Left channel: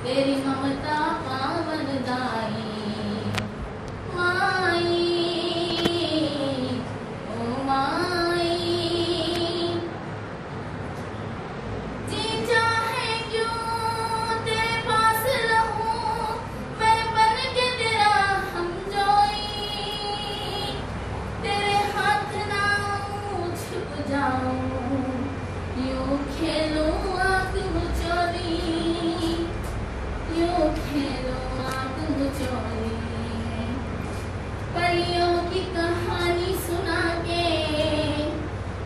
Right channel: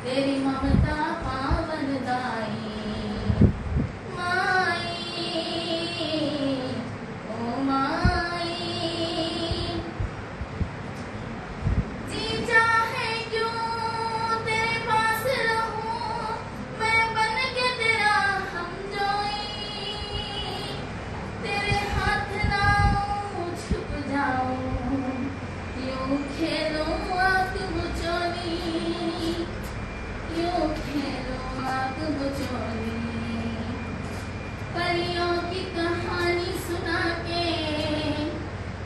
तेरी ममता पावनदाई माई, ओ माई। जी चाहे क्यों तेरे पास रहूं, मैं बन के तेरा हमजोई। तेरे हाथ ना छुप जाऊं, यूं खेलूं आग बुझोनी, यूं खेलूं आग बुझोनी। परियों की कहानी सुना के,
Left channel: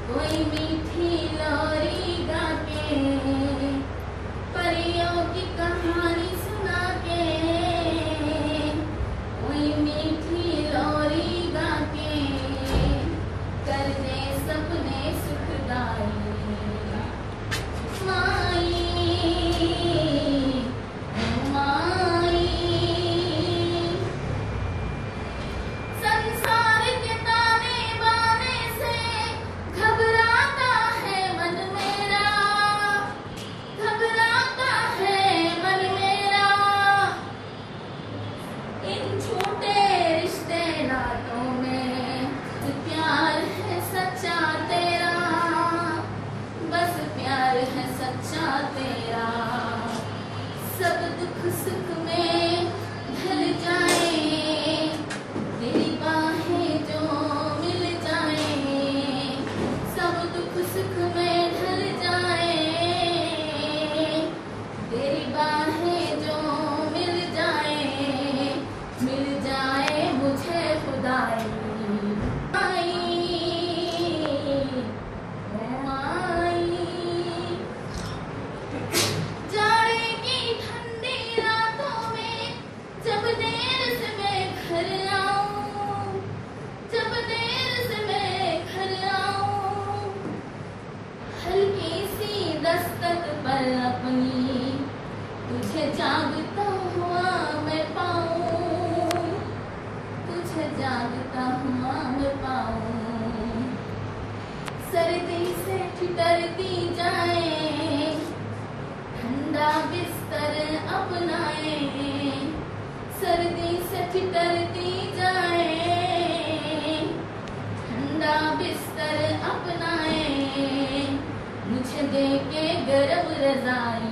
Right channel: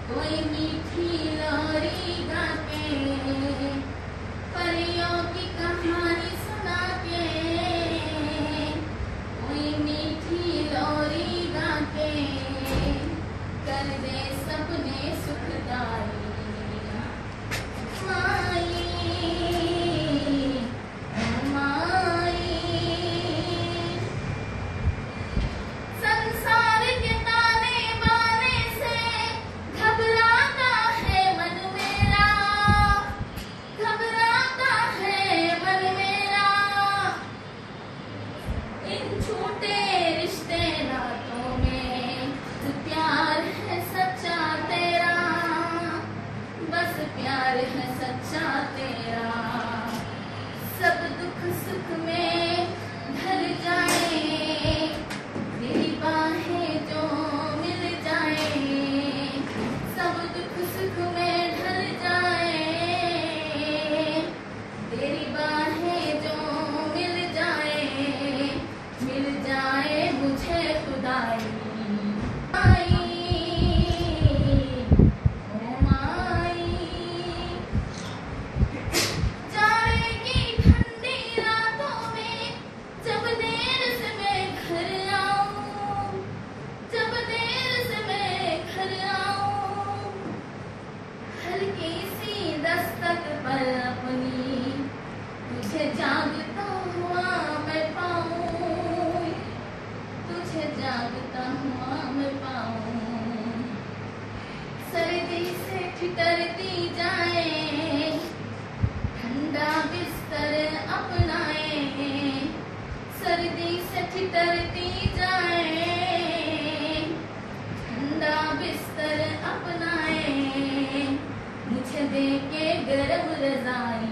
कोई मीठी लोरी गा के। परियों की कहानी सुना के, कोई मीठी लोरी गा के। कर दे सपने सुखदाई माई, ओ माई। संसार के ताने बाने से घबराता है मन मेरा, घबराता है मन मेरा। इन झूठे रिश्ते नातों में प्यार है सच्चा तेरा, बस प्यार है सच्चा तेरा। सब दुख सुख में ढल जाए, तेरी बाहें जो मिल जाए। सब दुख सुख में ढल जाए, तेरी बाहें जो मिल जाए मुझे खुदाई माई, ओ माई। जाएगी ठंडी रातों में जब देर से मैं घर आऊं, जब देर से मैं घर आऊं। हल्की सी दस्तक पर अपनी तुझे जागता हुआ मैं पाऊं, तुझे जागता हुआ मैं पाऊं। सर्दी से ठिठुरती जाए, ठंडा बिस्तर अपनाए। सर्दी से ठिठुरती जाए, ठंडा बिस्तर अपनाए। मुझे दे के गर्म रज़ाई